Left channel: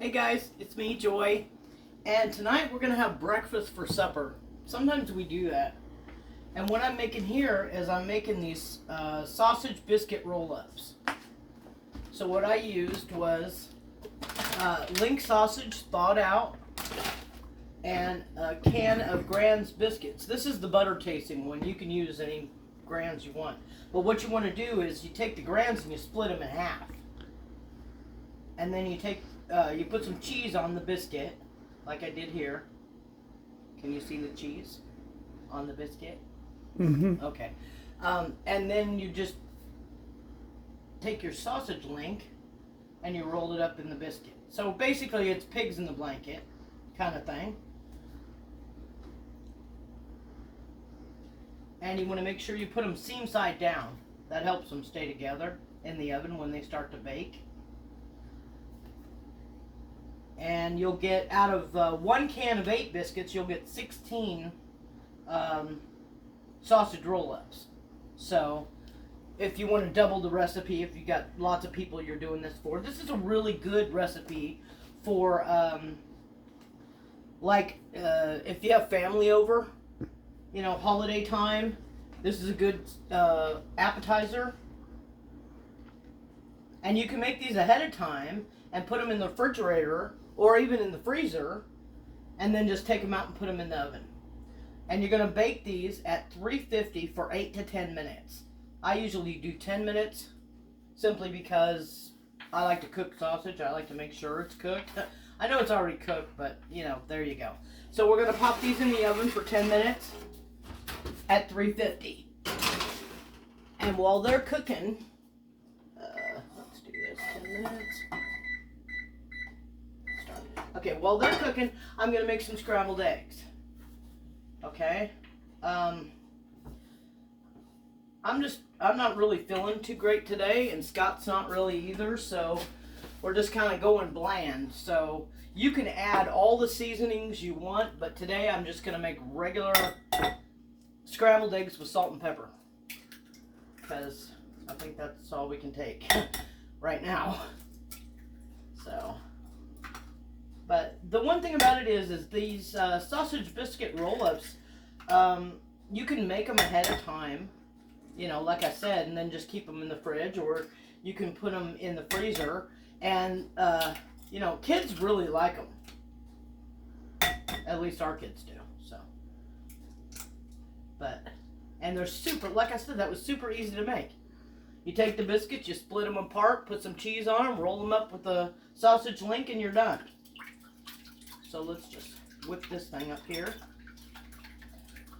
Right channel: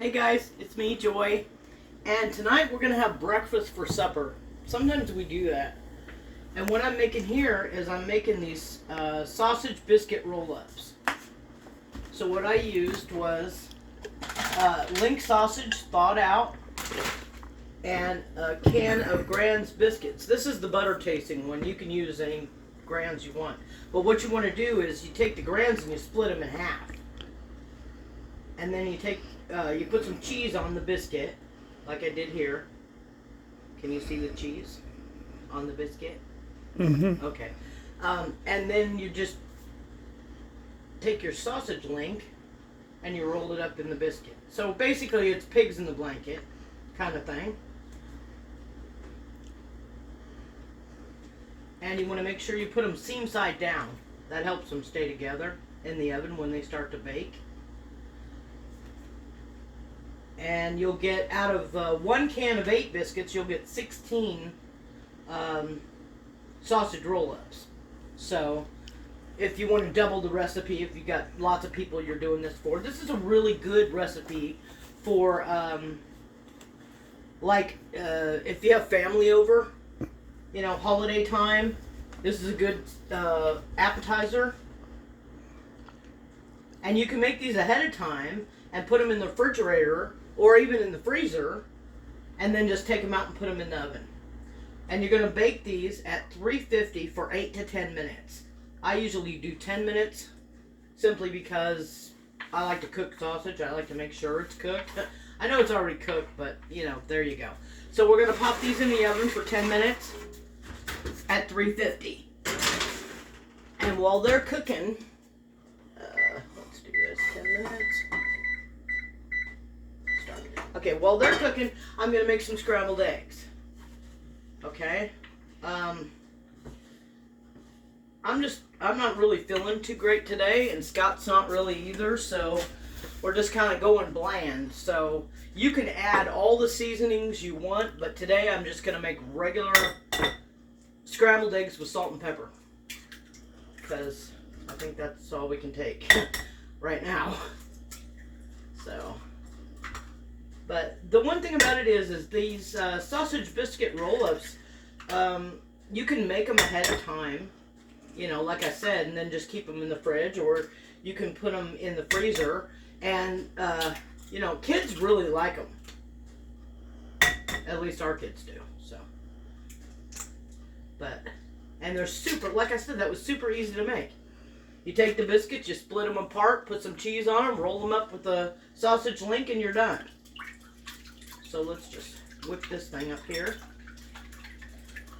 Hey guys, it's me, Joy, and tonight we're gonna have breakfast for supper. Sometimes we do that. And what I'm making here is I'm making these sausage biscuit roll-ups. So what I used was link sausage thawed out and a can of Grand's biscuits. This is the butter tasting one. You can use any Grand's you want. But what you want to do is you take the Grand's and you split them in half. And then you put some cheese on the biscuit, like I did here. Can you see the cheese on the biscuit? Mm-hmm. Okay. And then you just take your sausage link and you roll it up in the biscuit. So basically it's pigs in the blanket kind of thing. And you want to make sure you put them seam side down. That helps them stay together in the oven when they start to bake. And you'll get, out of 1 can of 8 biscuits, you'll get 16 sausage roll-ups. So if you want to double the recipe, if you've got lots of people you're doing this for, this is a really good recipe for if you have family over, holiday time. This is a good appetizer. And you can make these ahead of time and put them in the refrigerator or even in the freezer, and then just take them out and put them in the oven. And you're going to bake these at 350 for 8 to 10 minutes. I usually do 10 minutes simply because I like to cook sausage. I like to make sure it's cooked. I know it's already cooked, but there you go. So we're going to pop these in the oven for 10 minutes at 350. And while they're cooking, let's do this, 10 minutes. Okay, while they're cooking, I'm going to make some scrambled eggs. Okay? I'm not really feeling too great today, and Scott's not really either, so we're just kind of going bland. So you can add all the seasonings you want, but today I'm just going to make regular scrambled eggs with salt and pepper, because I think that's all we can take right now. So, but the one thing about it is these sausage biscuit roll-ups, you can make them ahead of time, like I said, and then just keep them in the fridge, or you can put them in the freezer, and kids really like them. At least our kids do. So, and they're super, like I said, that was super easy to make. You take the biscuits, you split them apart, put some cheese on them, roll them up with the sausage link, and you're done. So let's just whip this thing up here.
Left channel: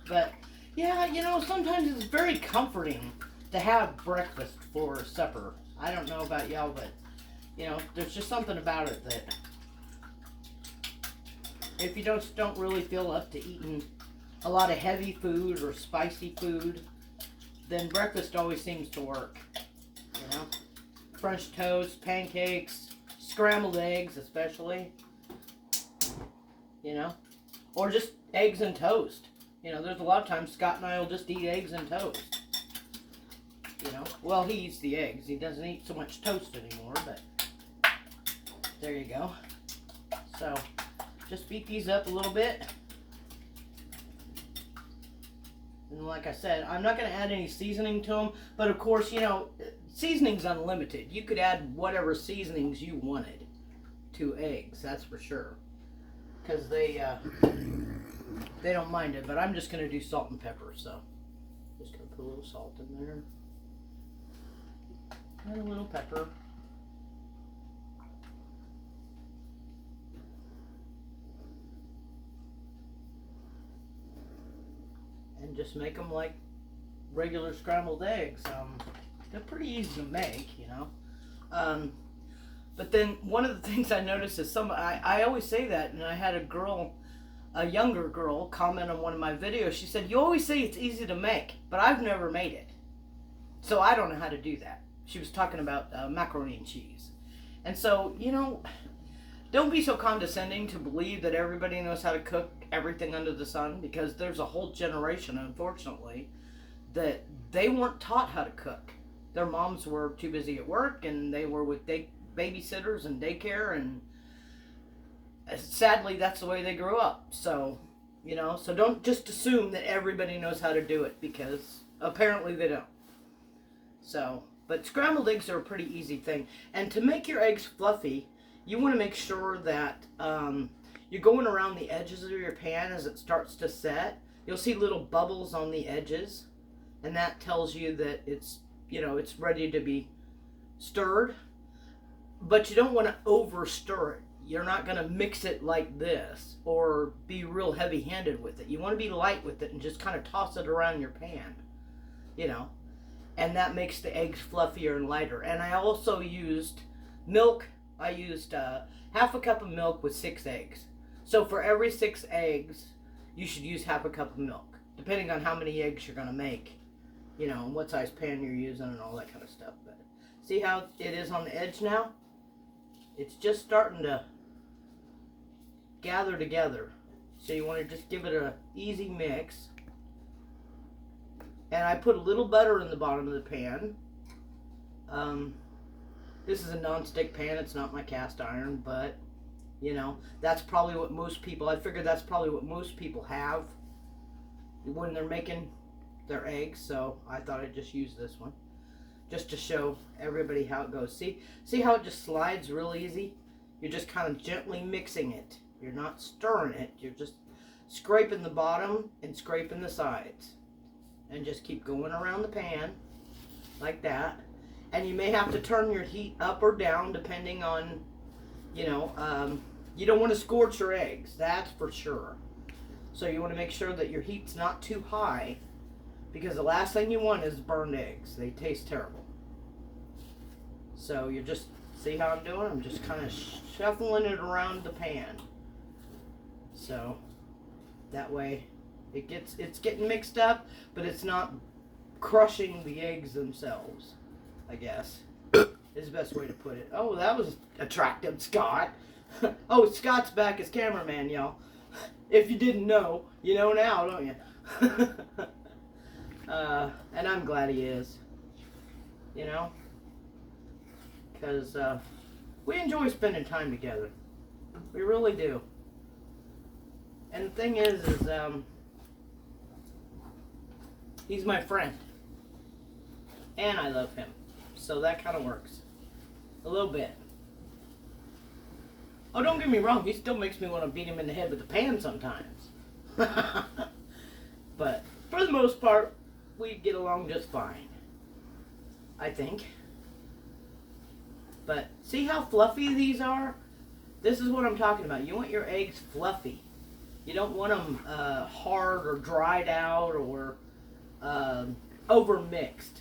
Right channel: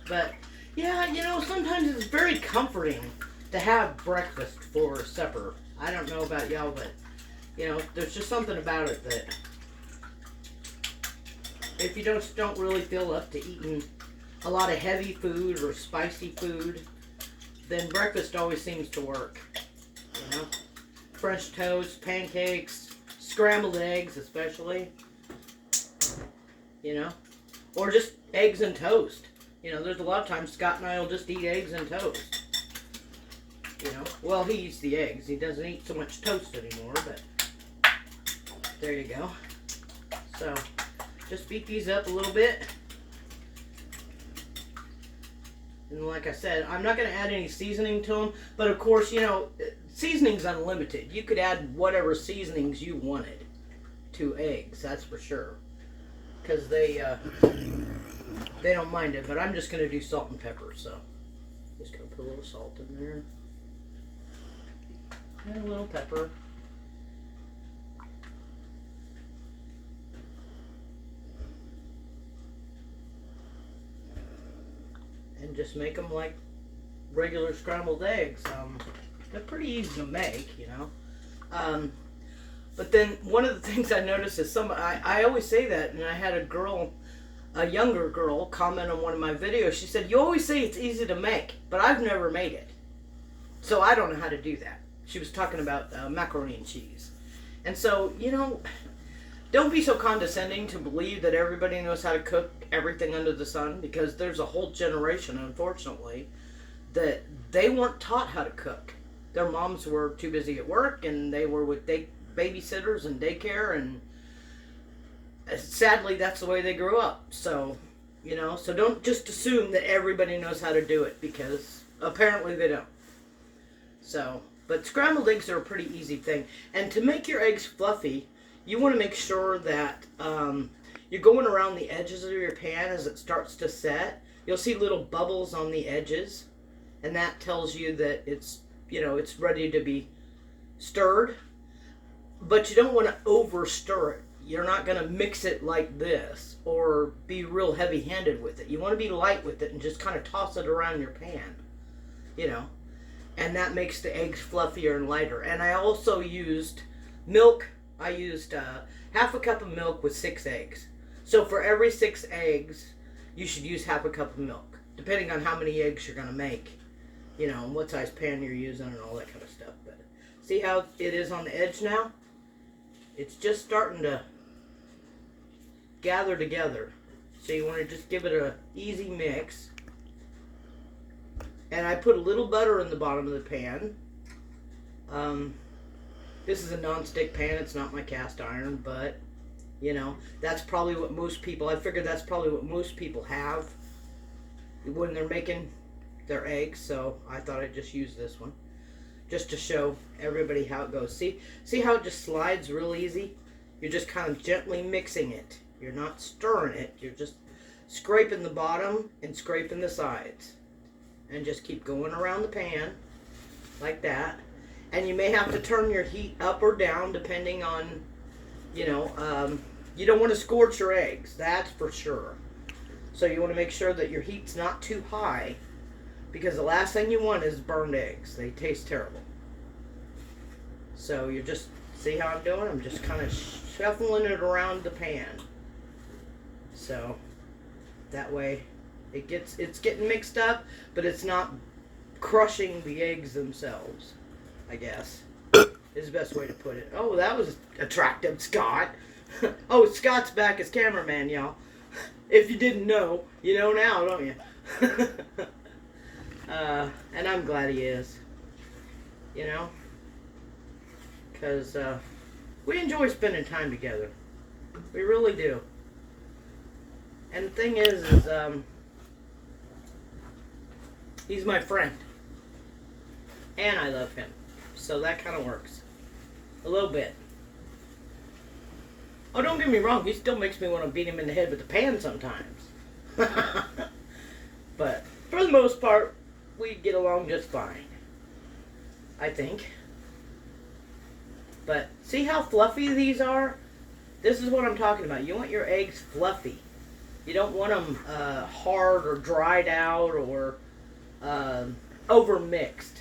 But yeah, sometimes it's very comforting to have breakfast for supper. I don't know about y'all, but there's just something about it that if you don't really feel up to eating a lot of heavy food or spicy food, then breakfast always seems to work. French toast, pancakes, scrambled eggs especially. Or just eggs and toast. There's a lot of times Scott and I will just eat eggs and toast. Well, he eats the eggs. He doesn't eat so much toast anymore, but there you go. So, just beat these up a little bit. And like I said, I'm not going to add any seasoning to them, but of course, seasoning's unlimited. You could add whatever seasonings you wanted to eggs, that's for sure. Because they don't mind it, but I'm just going to do salt and pepper, so just going to put a little salt in there. And a little pepper. And just make them like regular scrambled eggs. They're pretty easy to make, But then one of the things I noticed is I always say that, and I had a younger girl, comment on one of my videos. She said, "You always say it's easy to make, but I've never made it. So I don't know how to do that." She was talking about macaroni and cheese. And so, don't be so condescending to believe that everybody knows how to cook everything under the sun, because there's a whole generation, unfortunately, that they weren't taught how to cook. Their moms were too busy at work, and they were with babysitters and daycare, and sadly, that's the way they grew up. So, you know, so don't just assume that everybody knows how to do it, because apparently they don't. So, but scrambled eggs are a pretty easy thing. And to make your eggs fluffy, you want to make sure that you're going around the edges of your pan as it starts to set. You'll see little bubbles on the edges, and that tells you that it's, you know, it's ready to be stirred. But you don't want to over stir it. You're not going to mix it like this or be real heavy-handed with it. You want to be light with it and just kind of toss it around your pan, you know. And that makes the eggs fluffier and lighter. And I also used milk. I used half a cup of milk with 6 eggs. So for every 6 eggs, you should use half a cup of milk, depending on how many eggs you're going to make, you know, and what size pan you're using and all that kind of stuff. But see how it is on the edge now? It's just starting to gather together. So you want to just give it an easy mix. And I put a little butter in the bottom of the pan. This is a non-stick pan. It's not my cast iron, but, you know, that's probably what most people, I figured that's probably what most people have when they're making their eggs. So I thought I'd just use this one, just to show everybody how it goes. See how it just slides real easy? You're just kind of gently mixing it. You're not stirring it. You're just scraping the bottom and scraping the sides. And just keep going around the pan like that. And you may have to turn your heat up or down depending on, you know, you don't want to scorch your eggs, that's for sure. So you want to make sure that your heat's not too high, because the last thing you want is burned eggs. They taste terrible. So you just, see how I'm doing? I'm just kind of shuffling it around the pan. So that way it's getting mixed up, but it's not crushing the eggs themselves, I guess, is the best way to put it. Oh, that was attractive, Scott. Oh, Scott's back as cameraman, y'all. If you didn't know, you know now, don't you? And I'm glad he is, you know, because we enjoy spending time together. We really do. And the thing is he's my friend. And I love him. So that kind of works. A little bit. Oh, don't get me wrong. He still makes me want to beat him in the head with the pan sometimes. But for the most part, we get along just fine, I think. But see how fluffy these are? This is what I'm talking about. You want your eggs fluffy. You don't want them hard or dried out or over mixed.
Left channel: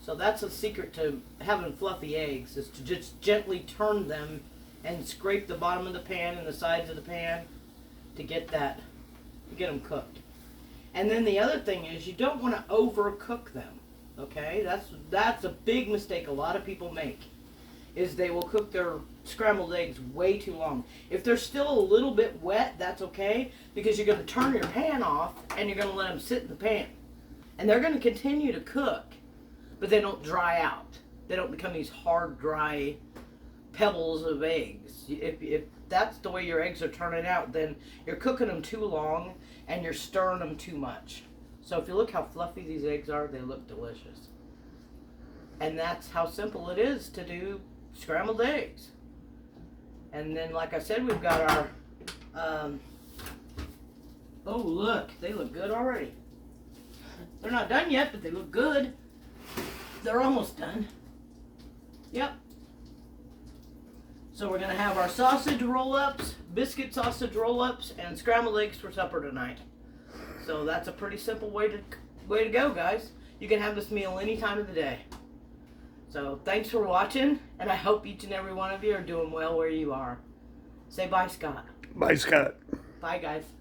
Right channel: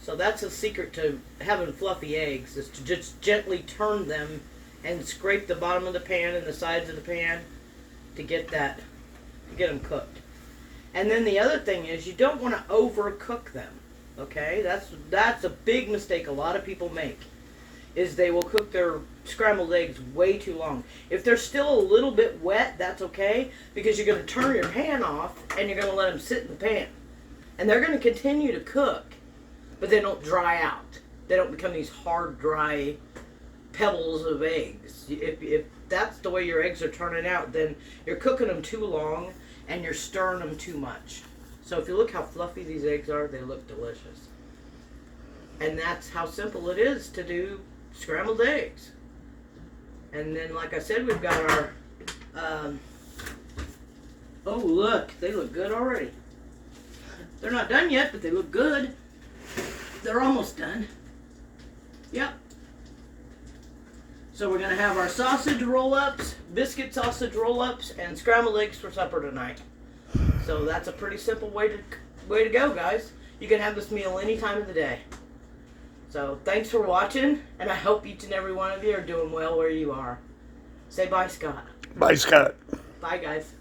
So that's the secret to having fluffy eggs, is to just gently turn them and scrape the bottom of the pan and the sides of the pan to get them cooked. And then the other thing is, you don't want to overcook them. Okay, that's a big mistake a lot of people make, is they will cook their scrambled eggs way too long. If they're still a little bit wet, that's okay, because you're going to turn your pan off and you're going to let them sit in the pan. And they're going to continue to cook, but they don't dry out. They don't become these hard, dry pebbles of eggs. If that's the way your eggs are turning out, then you're cooking them too long and you're stirring them too much. So if you look how fluffy these eggs are, they look delicious. And that's how simple it is to do scrambled eggs. And then, like I said, we've got our, oh look, they look good already. They're not done yet, but they look good. They're almost done. Yep. So we're going to have our sausage roll-ups, biscuit sausage roll-ups, and scrambled eggs for supper tonight. So that's a pretty simple way to go, guys. You can have this meal any time of the day. So thanks for watching, and I hope each and every one of you are doing well where you are. Say bye, Scott. Bye, Scott. Bye, guys.